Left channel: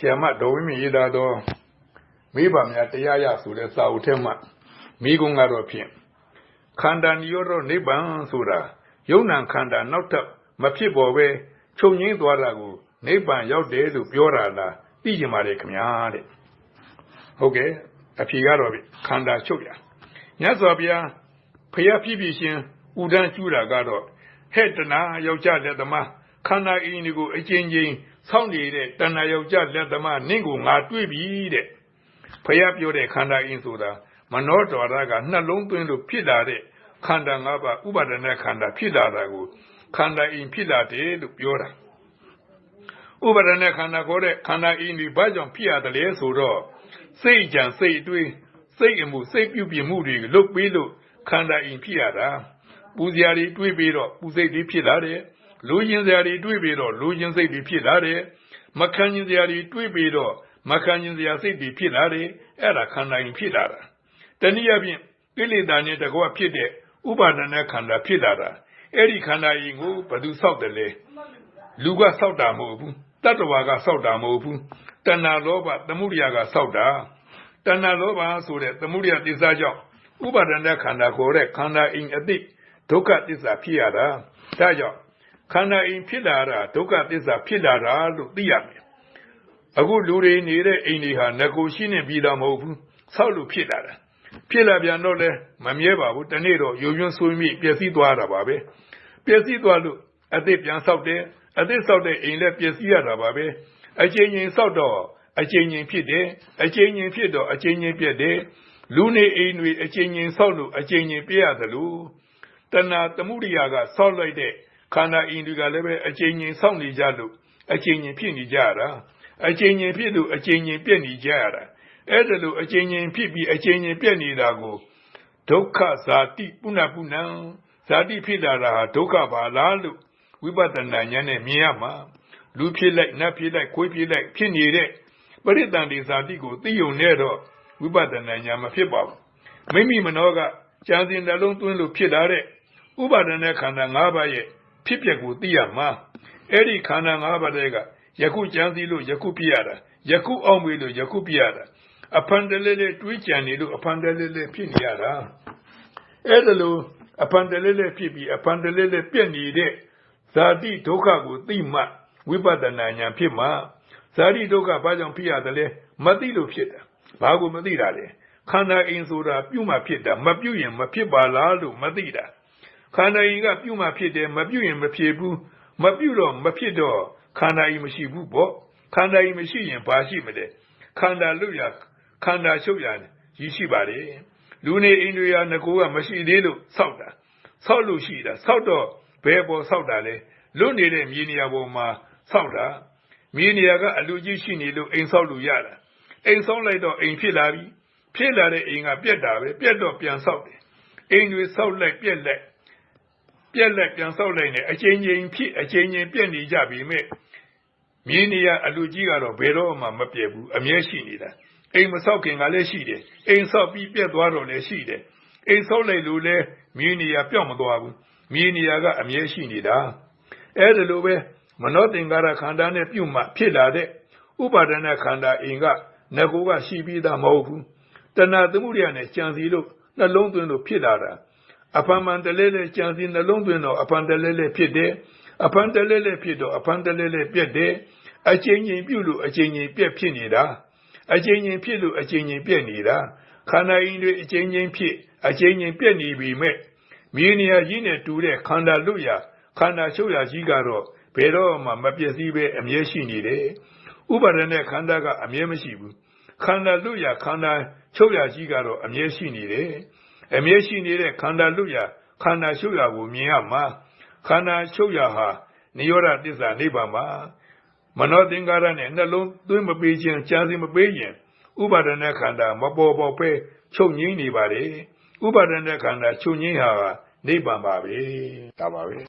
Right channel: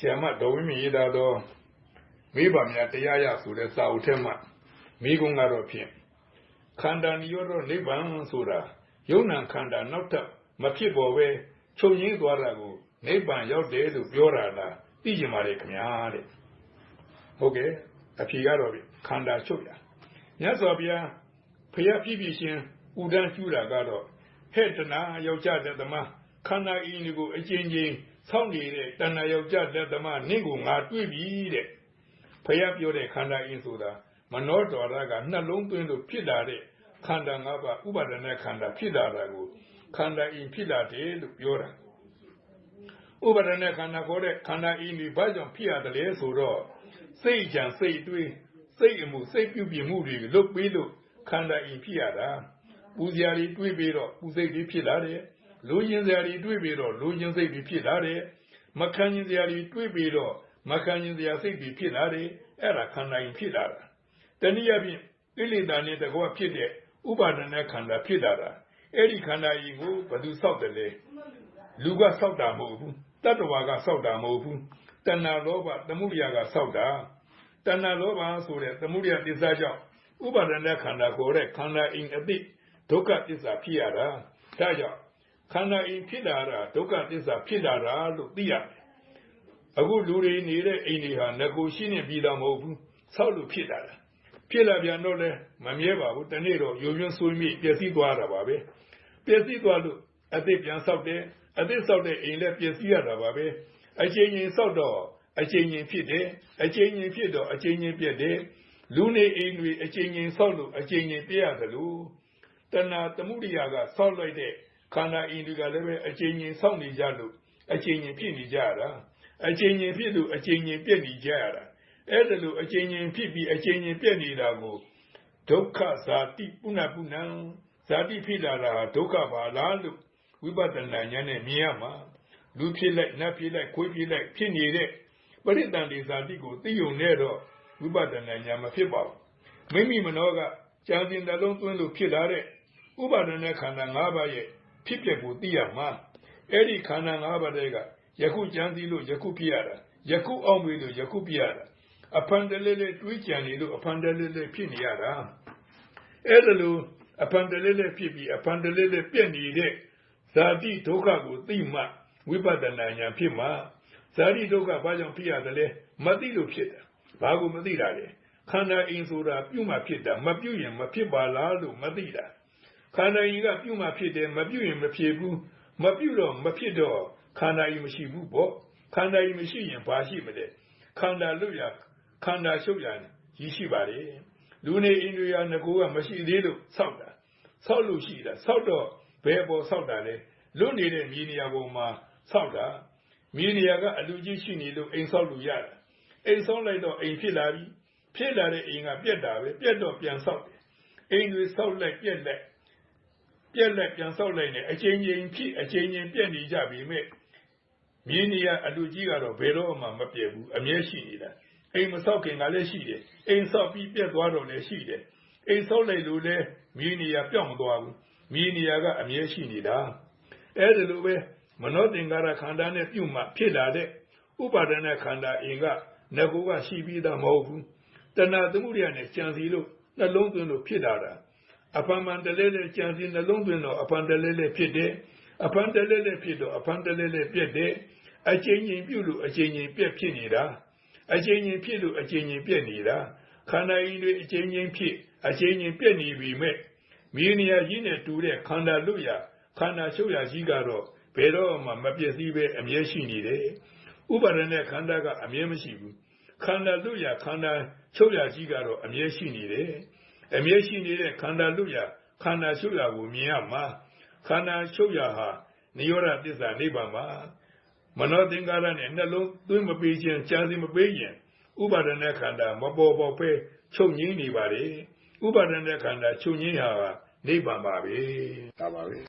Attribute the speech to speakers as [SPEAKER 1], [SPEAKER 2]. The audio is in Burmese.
[SPEAKER 1] ဆီယမဒေါ်ဝင်းမြင့်ရေးသားသောမိဘများတရားရဆိုတဲ့စာအုပ်ထဲမှာမိကုံကတော့ဖြင့်ခန္ဓာညရောတော့နိဗ္ဗာန်ဆိုတာယုံ nant ခန္ဓာနောက်ထပ်မဖြစ်ပေါ်ပဲချုပ်ငိမ့်သွားတာကိုနိဗ္ဗာန်ရောက်တယ်လို့ပြောတာလားသိကြပါလေခင်ဗျာတဲ့ဟုတ်ကဲ့အဖြေကတော့ခန္ဓာချုပ်ရမြတ်စွာဘုရားဖျားပြည့်ပြည့်ရှင်ဥဒန်းကျူးတာကတော့ဟဲ့တနာယောက်ျားလက်သမားခန္ဓာအင်းဒီကိုအချင်းချင်း ဆောင်းနေတဲ့တဏှာယောက်ျားလက်သမားနင့်ကိုငါတွေ့ပြီတဲ့ဖျားပြောတဲ့ခန္ဓာအင်းဆိုတာမနောတော်ရကနှလုံးသွင်းလို့ဖြစ်လာတဲ့ခန္ဓာ၅ပါးဥပါဒနာခန္ဓာဖြစ်လာတာကိုခန္ဓာအင်းဖြစ်လာတယ်လို့ပြောတာဥပါဒနာခန္ဓာခေါ်တဲ့ခန္ဓာအင်းဒီဘာကြောင့်ဖြစ်ရတယ်လဲဆိုတော့စိတ်ကြံစိတ်အတွေးစိတ်အမှုစိတ်ပြုပြင်မှုတွေလုတ်ပြီးလို့ခန္ဓာအင်းဖြစ်ရတာပူဇရာတွေတွေးပြီးတော့ပူစိတ်တွေဖြစ်လာတယ် လူချင်းစရာတွေတွေးပြီးတော့လူချင်းစိတ်တွေဖြစ်လာတယ်မခံချင်းစရာတွေတွေးပြီးတော့မခံချင်းစရာစိတ်တွေဖြစ်လာတယ်အဲ့ဒါခန္ဓာအင်းဖြစ်လာတာတနည်းအားဖြင့်ကိလေသာနဲ့တကွဖြစ်တဲ့ဥပါဒနာခန္ဓာဖြစ်လာတာအဲ့ဒီခန္ဓာရင်ကိုဘယ်သူဆောက်တယ်လဲလူကဆောက်တာမဟုတ်ဘူးတတ္တဝါကဆောက်တာမဟုတ်ဘူးတဏှာလောဘသမုဒိယကဆောက်တာတဏှာလောဘဆိုတဲ့သမုဒိယသစ္စာကြောင့်ဥပါဒနာခန္ဓာခေါ်တဲ့ခန္ဓာအိမ်အတိဒုက္ခသစ္စာဖြစ်ရတာဒါကြောင့် ခန္ဓာအိမ်ဖြစ်လာတာဒုက္ခသစ္စာဖြစ်လာတာလို့သိရမယ်အခုလူတွေနေတဲ့အိမ်တွေဟာငကိုရှိနေပြီးတော့မဟုတ်ဘူးဆောက်လို့ဖြစ်လာတာဖြစ်လာပြန်တော့လဲမမြဲပါဘူးတနေ့တော့ယုံယွန်းဆွေးမိပျက်စီးသွားတာပါပဲပျက်စီးသွားလို့အသစ်ပြန်ဆောက်တယ်အသစ်ဆောက်တဲ့အိမ်လည်းပျက်စီးရတာပါပဲအချိန်ချင်းဆောက်တော့အချိန်ချင်းဖြစ်တယ်အချိန်ချင်းဖြစ်တော့အချိန်ချင်းပြက်တယ်လူနေအိမ်တွေအချိန်ချင်းဆောက်လို့အချိန်ချင်းပြက်ရတယ်လို့တဏှာသမှုရိယာကဆောက်လိုက်တဲ့ ခန္ဓာအိမ်တွေကလည်းပဲအချိန်ချင်းဆောက်နေကြလို့အချိန်ချင်းဖြစ်နေကြတာအချိန်ချင်းဖြစ်လို့အချိန်ချင်းပြက်နေကြရတာအဲ့ဒါလို့အချင်းချင်းဖြစ်ပြီးအချင်းချင်းပြက်နေတာကိုဒုက္ခဇာတိပုဏ္ဏပုဏ္ဏဇာတိဖြစ်လာတာဟာဒုက္ခပါလားလို့ဝိပဿနာဉာဏ်နဲ့မြင်ရမှာလူဖြစ်လိုက်နတ်ဖြစ်လိုက်ခွေးဖြစ်လိုက်ဖြစ်နေတဲ့ပရိသန္တိဇာတိကိုသိုံနဲ့တော့ဝိပဿနာဉာဏ်မဖြစ်ပါဘူးမိမိမနောကကြံစင်နှလုံးသွင်းလို့ဖြစ်လာတဲ့ဥပါဒณะခန္ဓာ၅ပါးရဲ့ ဖြစ်ပျက်ကိုသိရမှာအဲ့ဒီခန္ဓာ၅ပါးတွေကယခုကြံစည်လို့ယခုပြရတာယခုအောင်ပြီလို့ယခုပြရတာအဖန်တလဲလဲတွေးကြံနေလို့အဖန်တလဲလဲဖြစ်နေရတာအဲ့ဒါလို့အဖန်တလဲလဲဖြစ်ပြီးအဖန်တလဲလဲပြက်နေတဲ့ဇာတိဒုက္ခကိုသိမှဝိပဿနာဉာဏ်ဖြစ်မှဇာတိဒုက္ခဘာကြောင့်ဖြစ်ရတယ်လဲမသိလို့ဖြစ်တာဘာကိုမသိတာလဲခန္ဓာအင်းဆိုတာပြုမှဖြစ်တာမပြုရင်မဖြစ်ပါလားလို့မသိတာ ခန္ဓာအင်းကပြုမှဖြစ်တယ်မပြုရင်မဖြစ်ဘူးမပြုတော့မဖြစ်တော့ခန္ဓာအင်းမရှိဘူးပေါ့ခန္ဓာအင်းမရှိရင်ဘာရှိမလဲခန္ဓာလွတ်ရခန္ဓာရှုပ်ရရည်ရှိပါတယ်လူနေအိန္ဒြေယငကိုကမရှိသေးလို့ဆောက်တာဆောက်လို့ရှိတာဆောက်တော့ဘယ်ပေါ်ဆောက်တာလဲလွတ်နေတဲ့မြေနေရာပေါ်မှာဆောက်တာမြေနေရာကအလူကြီးရှိနေလို့အိမ်ဆောက်လို့ရတာအိမ်ဆောက်လိုက်တော့အိမ်ဖြစ်လာပြီဖြစ်လာတဲ့အိမ်ကပြက်တာပဲပြက်တော့ပြန်ဆောက်တယ်အိမ်တွေဆောက်လိုက်ပြက်လိုက် ပြက်လိုက်ပြန်ဆောက်လိုက်နေအချင်းချင်းဖြစ်အချင်းချင်းပြက်နေကြပြီမဲ့မြေနေရာအလူကြီးကတော့ဘယ်တော့မှမပြက်ဘူးအမြဲရှိနေတာအိမ်မဆောက်ခင်ကလည်းရှိတယ်အိမ်ဆောက်ပြီးပြက်သွားတော့လည်းရှိတယ်အိမ်ဆောက်လိုက်လို့လည်းမြေနေရာပြောင်းမသွားဘူးမြေနေရာကအမြဲရှိနေတာအဲ့ဒါလိုပဲမနောသင်္ကာရခန္ဓာနဲ့ပြုတ်မှဖြစ်လာတဲ့ဥပါဒနာခန္ဓာအိမ်ကငကိုကရှိပြီးသားမဟုတ်ဘူးတဏှာသမှုရိယနဲ့ကြံစီလို့နှလုံးသွင်းလို့ဖြစ်လာတာ အဖန်မှန်တလဲလဲကြံစီနှလုံးသွင်းတော့အဖန်တလဲလဲဖြစ်တယ်အဖန်တလဲလဲဖြစ်တော့အဖန်တလဲလဲပြက်တယ်အချင်းချင်းပြုတ်လို့အချင်းချင်းပြက်ဖြစ်နေတာအချင်းချင်းဖြစ်လို့အချင်းချင်းပြက်နေတာခန္ဓာအင်းတွေအချင်းချင်းဖြစ်အချင်းချင်းပြက်နေပြီမဲ့မြေနေရာကြီးနဲ့တူတဲ့ခန္ဓာလွတ်ရာခန္ဓာရှုပ်ရာကြီးကတော့ဘယ်တော့မှမပြည့်စည်ပဲအမြဲရှိနေတယ်ဥပါဒณะခန္ဓာကအမြဲမရှိဘူးခန္ဓာလွတ်ရာခန္ဓာချုပ်ရာကြီးကတော့အမြဲရှိနေတယ် အမြဲရှိနေတဲ့ခန္ဓာလွတ်ရာခန္ဓာရှုပ်ရာကိုမြင်ရမှာခန္ဓာရှုပ်ရာဟာနိရောဓသစ္စာနိဗ္ဗာန်ပါမနောသင်္ကာရနဲ့နှလုံးသွင်းမပေးခြင်းကြာစီမပေးခြင်းဥပါဒနာခန္ဓာမပေါ်ပေါ်ပဲချုပ်ငြိမ့်နေပါလေဥပါဒနာခန္ဓာချုပ်ငြိမ့်ဟာနိဗ္ဗာန်ပါပဲဒါပါပဲ